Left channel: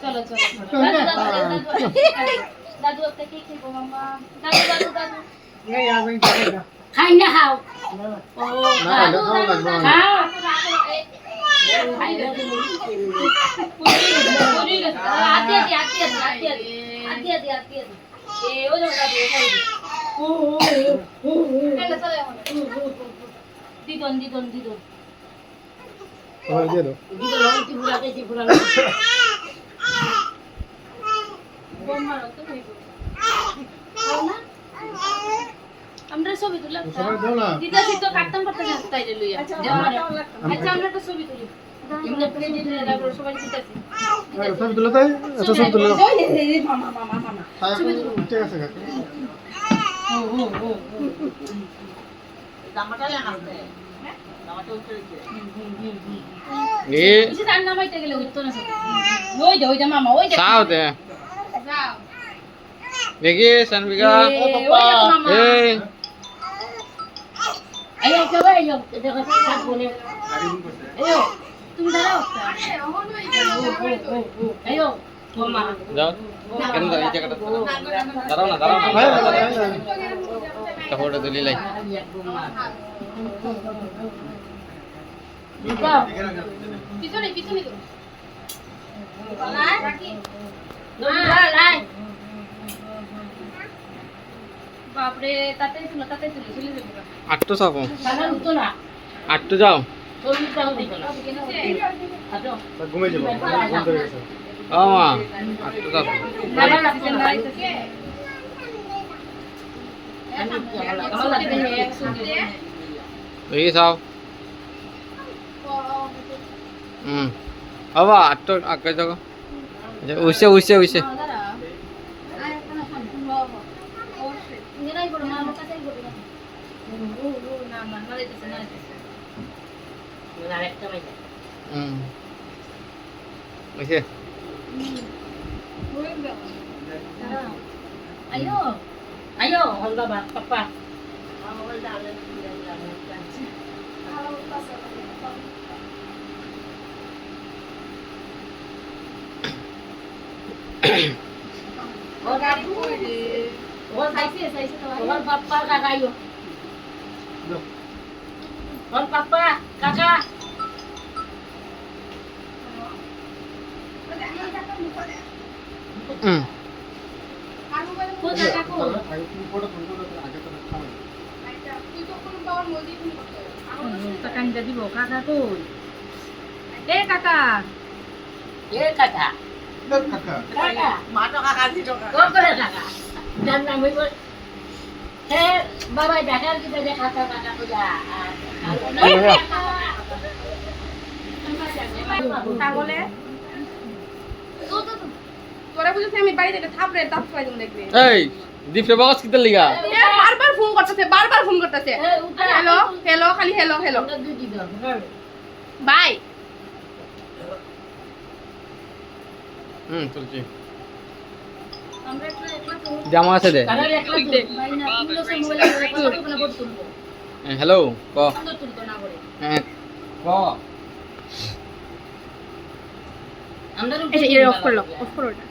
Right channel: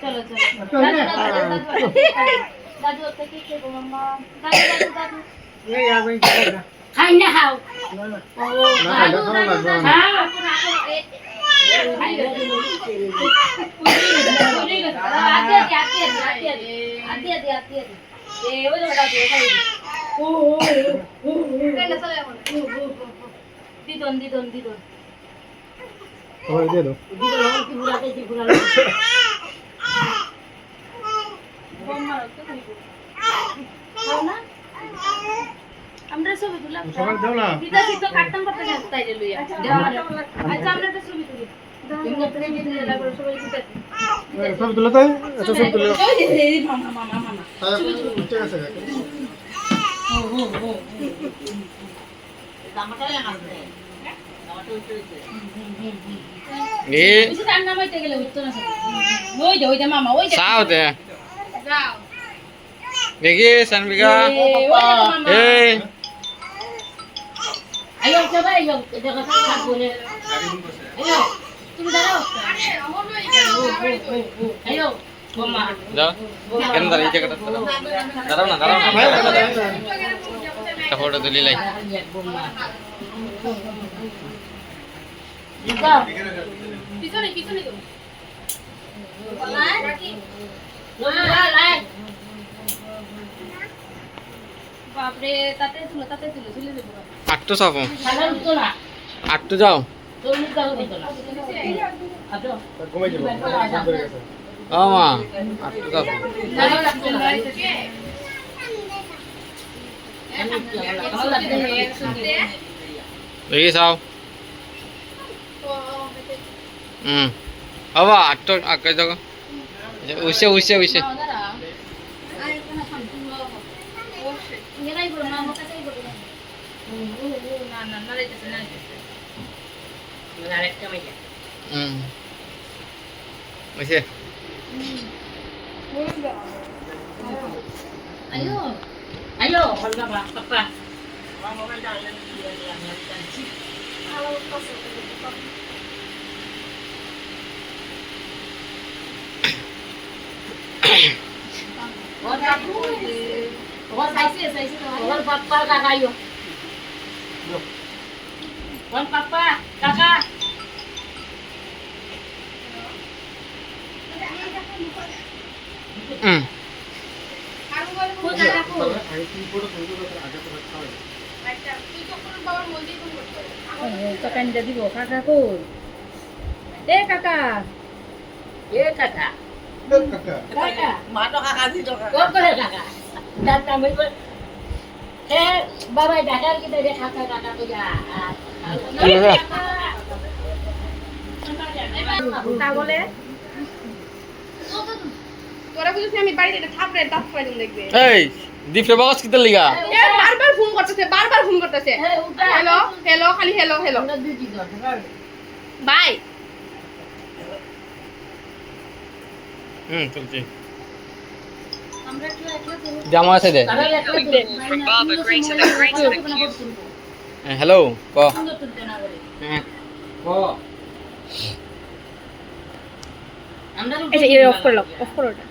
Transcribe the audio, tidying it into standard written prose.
চলো চলো দাদু একটা কি খেবো মাম্মা দাদু দাদু দাদু খাই না খাও দাদু দাদু খাও দিদন দিদন দিদন আমরা ছবি তুলা দিদা সিদ্ধ কাটতাম করতে তাই লইয়া আচ্ছা আমরা একটা ছবি তুলি এমনি প্লেট দিলে লাগবে সবাই দিতেছি ছবি তুলে তাই আচ্ছা ছবি তুলে মামা মামা মামা ছবি তুলি ঠিক আছে দামাটা লাগাতে এ বেশি টাইম নামাইতে গেলে হইতো না সব ওই দে মামা ওই দে সাও দে যাও দেখি সানবিকা ওই দে মামা এই আইও সবাই আইও দেখো সব বলে আইও তুমি দাঁড়াও আইও মামা যাও কেন দাঁড়িয়ে জায়গাটা দাঁড়াও না দাঁড়াও না একটা ফটো তুলি লাই পিছনে পিছনে তো লাই বাপরে তাতে তুলে চলে যাবো আটটো চাপো সাধারণ তো না আটটো যাও চল্লিশ টাকা দিতে না ঘুমিয়ে যাবো ফোন করে গেছে ও মা আটটো চাপো দেখি চাও হবা আটটো আগে যাও উইছে উইছে উইছে উইছে ayo ayo halo papa papa kakak ayo papa kakak কাকানটা দিব কাকা কই এ কাকা কাকা মা তো কাকা দিছো কাকা কোন করে কাকা ডান নাম বল হে বাবা ডাকার কি দে কাকা কাকা কইয়া তাহলে তোরা বুঝছিস আমি বাড়িতে একটা থাপড়ে দাঁত ফলাই দিম দেখবে এই দীপরে বাগাস কিতে লিগা এ বারবার ফোন করতেছে হ্যালো হ্যালো খালি হ্যালো হ্যালো বাই চলছি জামা আছে দে হ্যালো ক ক এটা অফ করো ওটা